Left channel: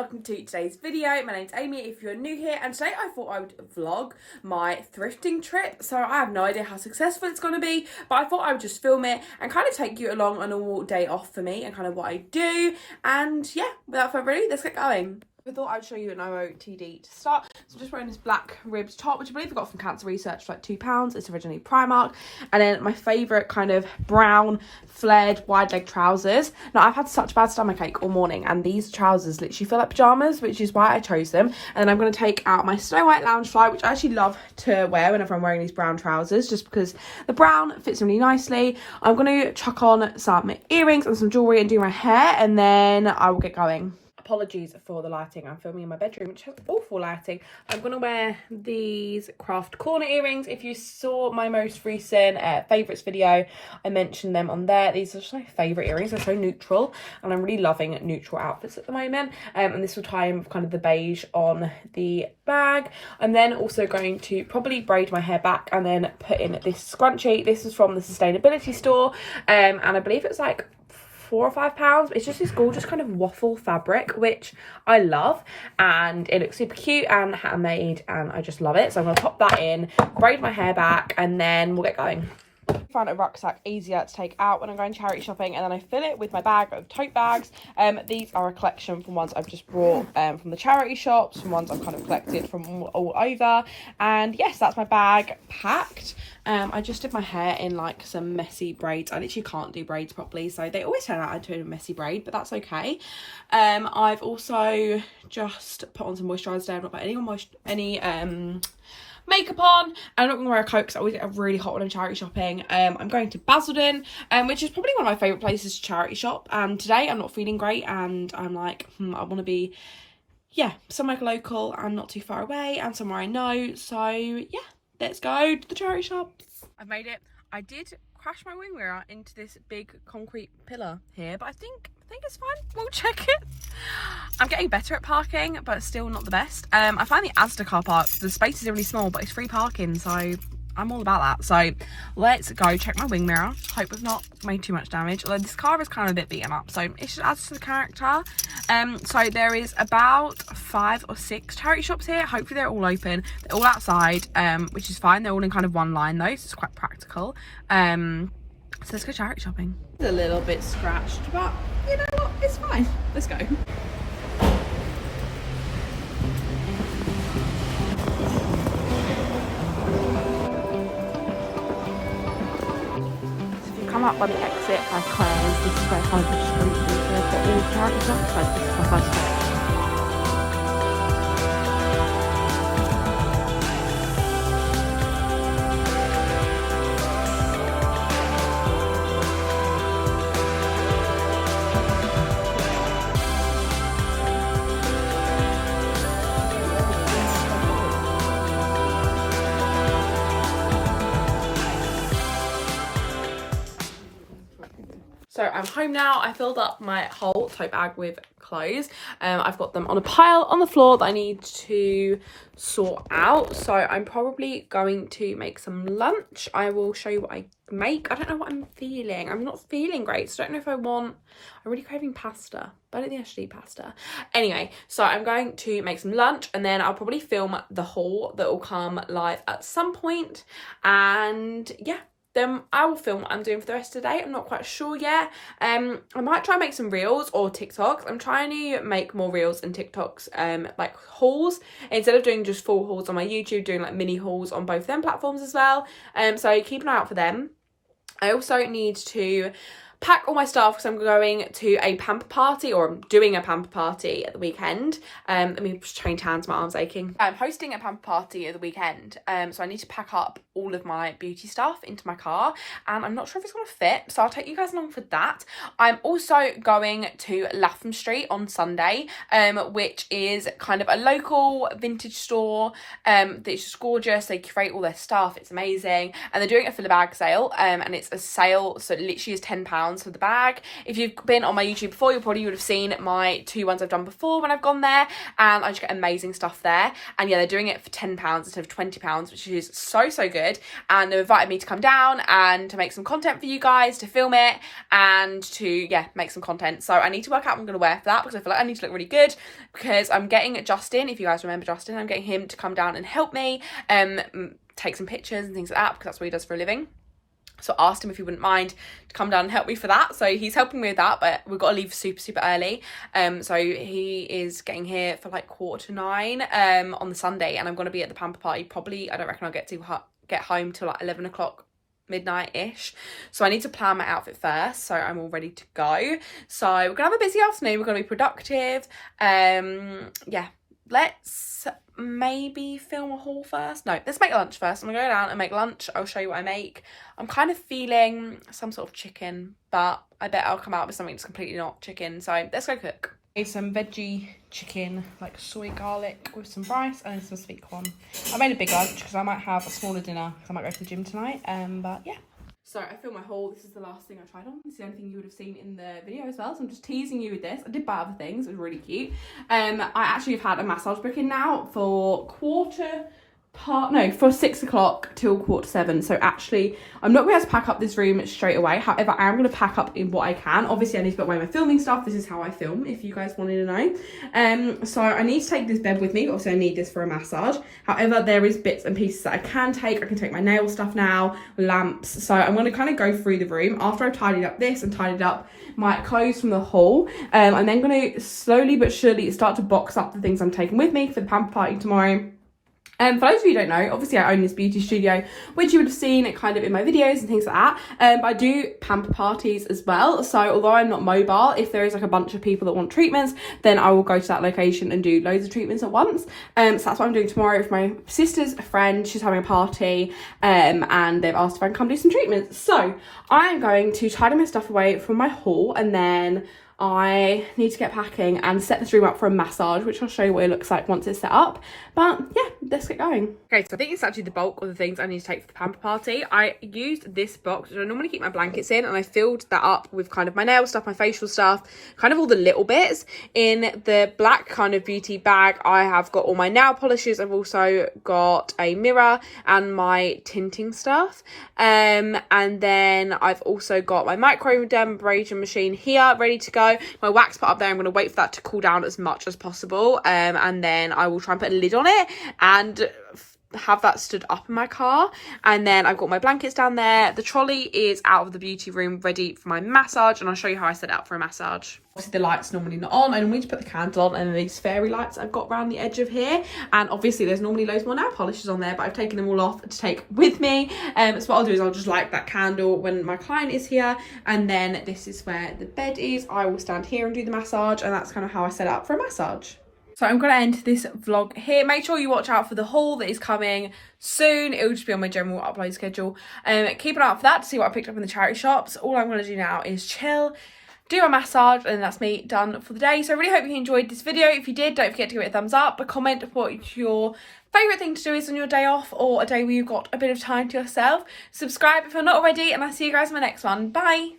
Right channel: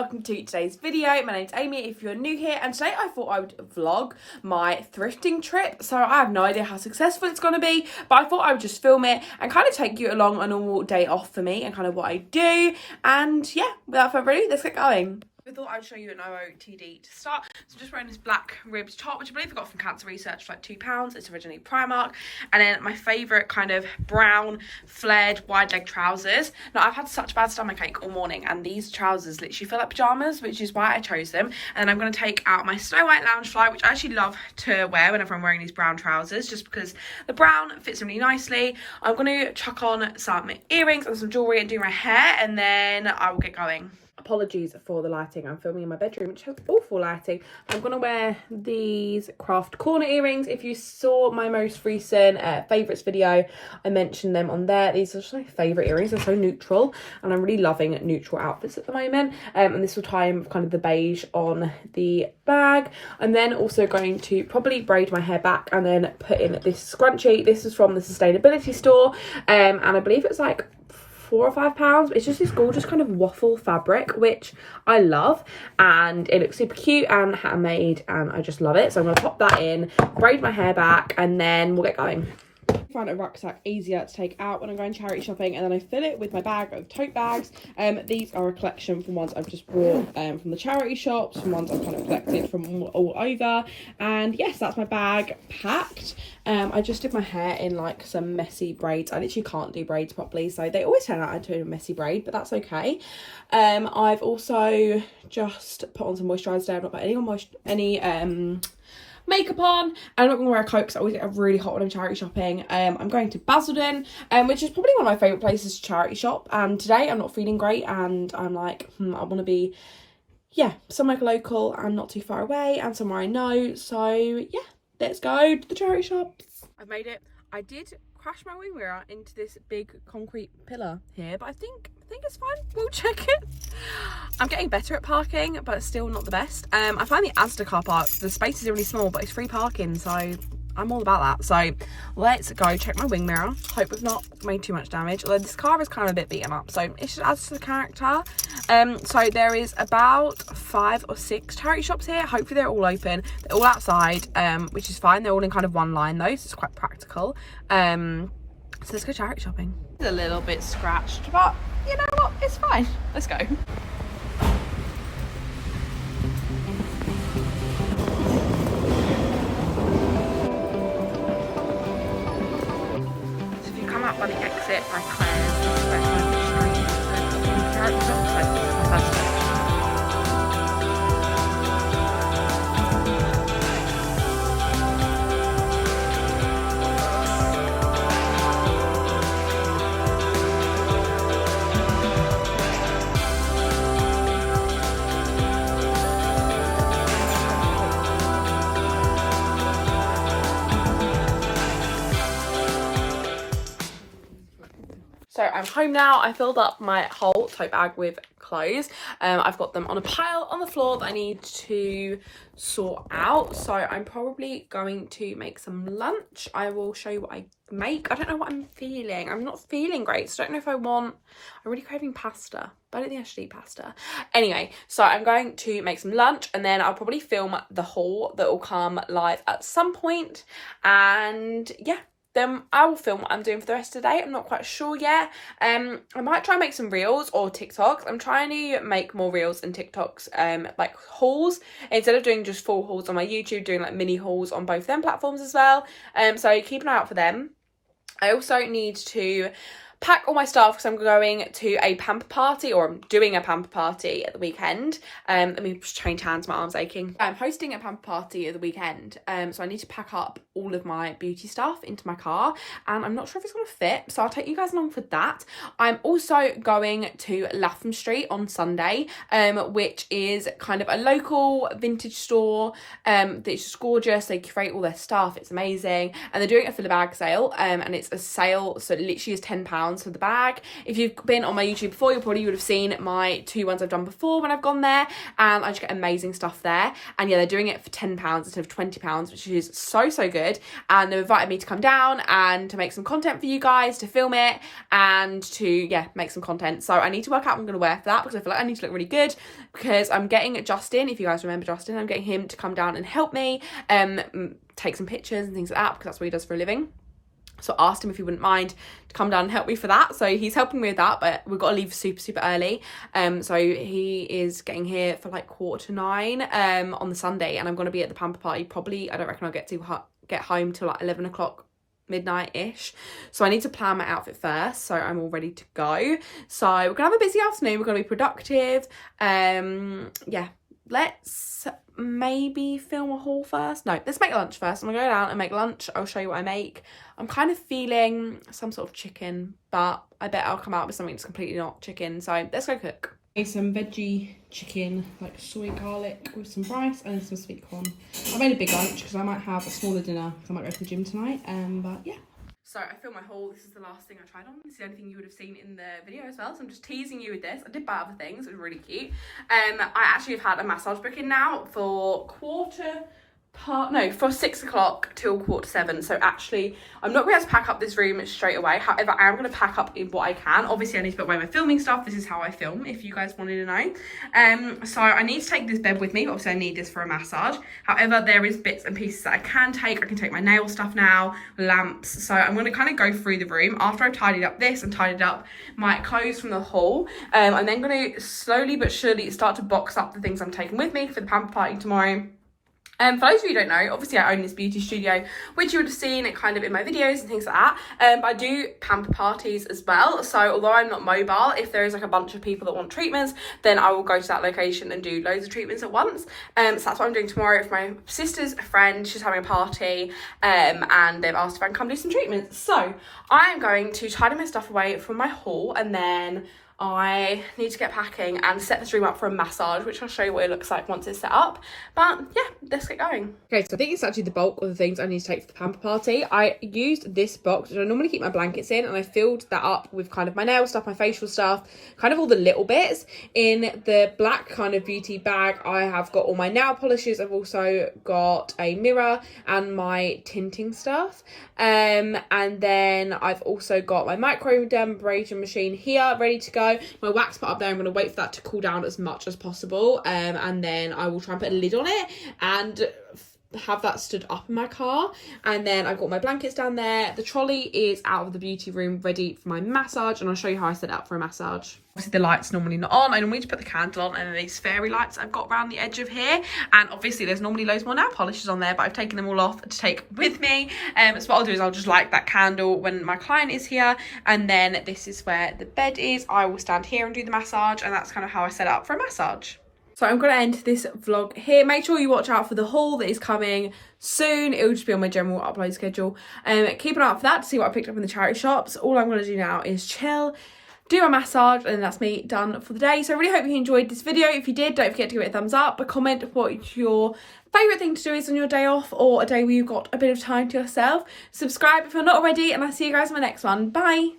welcome to today's video. My name's Amy if you're new here, and today I thought I would vlog my thrifting trip. So I have no idea how successful it's going to be, but I thought I would just film it and kind of take you along a normal day off for me and kind of what I do. And yeah, without further ado, let's get going. I thought I'd show you an OOTD to start. So I'm just wearing this black ribbed top, which I believe I got from Cancer Research for like £2. It's originally Primark. And then my favourite kind of brown flared wide leg trousers. Now I've had such bad stomachache all morning, and these trousers literally feel like pyjamas, which is why I chose them. And then I'm going to take out my Snow White lounge fly, which I actually love to wear whenever I'm wearing these brown trousers, just because the brown fits really nicely. I'm going to chuck on some earrings and some jewellery and do my hair, and then I will get going. Apologies for the lighting. I'm filming in my bedroom, which has awful lighting. I'm going to wear these craft corner earrings. If you saw my most recent favourites video, I mentioned them on there. These are just my favourite earrings. They're so neutral, and I'm really loving neutral outfits at the moment. And this will tie in with kind of the beige on the bag. I'm then also going to probably braid my hair back and then put in this scrunchie. This is from the sustainability store, and I believe it's like £4 or £5. It's just this gorgeous kind of waffle fabric, which I love, and it looks super cute and handmade, and I just love it. So I'm going to pop that in, braid my hair back, and then we'll get going. I find a rucksack easier to take out when I'm going charity shopping, and then I fill it with my bag of tote bags. These are a collection from ones I've just brought from the charity shops, from ones I've kind of collected from all over. And yes, that's my bag packed. I just did my hair in like some messy braids. I literally can't do braids properly, so they always turn out into a messy braid, but that's okay. I've also just put on some moisturiser today. I've not put any makeup on, and I'm not going to wear a coat because I always get really hot when I'm charity shopping. I'm going to Basildon, which is probably one of my favourite places to charity shop, and today I'm not feeling great, and I'm like, I want to be, somewhere local and not too far away, and somewhere I know. So yeah, let's go to the charity shops. I've made it. I did crash my wing mirror into this big concrete pillar here, but I think it's fine. We'll check it. I'm getting better at parking, but it's still not the best. I find the Asda car park, the spaces are really small, but it's free parking, so I'm all about that. So let's go check my wing mirror. Hope we've not made too much damage, although this car is kind of a bit beaten up, so it just adds to the character. So there is about 5 or 6 charity shops here. Hopefully they're all open. They're all outside, which is fine. They're all in kind of one line though, so it's quite practical. So let's go charity shopping. It's a little bit scratched, but you know what? It's fine. Let's go. So if you come up by the exit by Claire's, this is where kind of the street is. So I've got really charity shops. So this is my first day. So I'm home now. I filled up my whole tote bag with clothes. I've got them on a pile on the floor that I need to sort out. So I'm probably going to make some lunch. I will show you what I make. I don't know what I'm feeling. I'm not feeling great, so I don't know if I'm really craving pasta, but I don't think I should eat pasta. Anyway, so I'm going to make some lunch, and then I'll probably film the haul that will come live at some point. And yeah, then I will film what I'm doing for the rest of the day. I'm not quite sure yet. I might try and make some reels or TikToks. I'm trying to make more reels and TikToks, like hauls, instead of doing just full hauls on my YouTube, doing like mini hauls on both them platforms as well. So keep an eye out for them. I also need to pack all my stuff because I'm going to a Pamper party, or I'm doing a Pamper party at the weekend. Let me just change hands, my arm's aching. I'm hosting a Pamper party at the weekend, so I need to pack up all of my beauty stuff into my car, and I'm not sure if it's going to fit, so I'll take you guys along for that. I'm also going to Latham Street on Sunday, which is kind of a local vintage store that's just gorgeous. They curate all their stuff, it's amazing, and they're doing a filler bag sale, and it's a sale, so it literally is £10 £10 for the bag. If you've been on my YouTube before, you probably would have seen my 2 ones I've done before when I've gone there, and I just get amazing stuff there. And yeah, they're doing it for £10 instead of £20, which is so good. And they've invited me to come down and to make some content for you guys, to film it, and to, yeah, make some content. So I need to work out what I'm going to wear for that, because I feel like I need to look really good, because I'm getting Justin, if you guys remember Justin, I'm getting him to come down and help me take some pictures and things like that, because that's what he does for a living. So I asked him if he wouldn't mind to come down and help me for that. So he's helping me with that, but we've got to leave super early. So he is getting here for like 9:15 on the Sunday, and I'm going to be at the Pamper party probably, I don't reckon I'll get home till like 11 o'clock, midnight-ish. So I need to plan my outfit first, so I'm all ready to go. So we're gonna have a busy afternoon, we're gonna be productive. Yeah, let's maybe film a haul first. No, let's make lunch first. I'm gonna go down and make lunch. I'll show you what I make. I'm kind of feeling some sort of chicken, but I bet I'll come out with something that's completely not chicken. So let's go cook. Some veggie chicken, like soy garlic with some rice and some sweet corn. I made a big lunch because I might have a smaller dinner because I might go to the gym tonight. But yeah. So I filmed my haul. This is the last thing I tried on. This is the only thing you would have seen in the video as well. So I'm just teasing you with this. I did buy other things. It was really cute. I actually have had a massage booking now for for 6 o'clock till 7:15. So actually, I'm not going to have to pack up this room straight away. However, I am going to pack up in what I can. Obviously, I need to put away my filming stuff. This is how I film, if you guys wanted to know. So I need to take this bed with me. But obviously, I need this for a massage. However, there is bits and pieces that I can take. I can take my nail stuff now, lamps. So I'm going to kind of go through the room after I've tidied up this and tidied up my clothes from the haul. I'm then going to slowly but surely start to box up the things I'm taking with me for the Pamper party tomorrow. For those of you who don't know, obviously I own this beauty studio, which you would have seen it kind of in my videos and things like that. But I do pamper parties as well. So although I'm not mobile, if there is like a bunch of people that want treatments, then I will go to that location and do loads of treatments at once. So that's what I'm doing tomorrow with my sister's friend. She's having a party and they've asked if I can come do some treatments. So I'm going to tidy my stuff away from my haul, and then I need to get packing and set this room up for a massage, which I'll show you what it looks like once it's set up. But yeah, let's get going. Okay, so I think it's actually the bulk of the things I need to take for the Pamper party. I used this box, which I normally keep my blankets in, and I filled that up with kind of my nail stuff, my facial stuff, kind of all the little bits. In the black kind of beauty bag, I have got all my nail polishes. I've also got a mirror and my tinting stuff. And then I've also got my microdermabrasion machine here ready to go. My wax put up there, I'm going to wait for that to cool down as much as possible, and then I will try and put a lid on it and have that stood up in my car. And then I've got my blankets down there. The trolley is out of the beauty room ready for my massage, and I'll show you how I set it up for a massage. Obviously the light's normally not on. I normally just put the candle on, and then these fairy lights I've got around the edge of here, and obviously there's normally loads more nail polishes on there, but I've taken them all off to take with me. So what I'll do is I'll just light that candle when my client is here, and then this is where the bed is. I will stand here and do the massage, and that's kind of how I set it up for a massage. So I'm going to end this vlog here. Make sure you watch out for the haul that is coming soon. It will just be on my general upload schedule. Keep an eye out for that to see what I picked up in the charity shops. All I'm going to do now is chill, do a massage, and that's me done for the day. So I really hope you enjoyed this video. If you did, don't forget to give it a thumbs up, a comment what your favourite thing to do is on your day off, or a day where you've got a bit of time to yourself. Subscribe if you're not already, and I'll see you guys in my next one. Bye.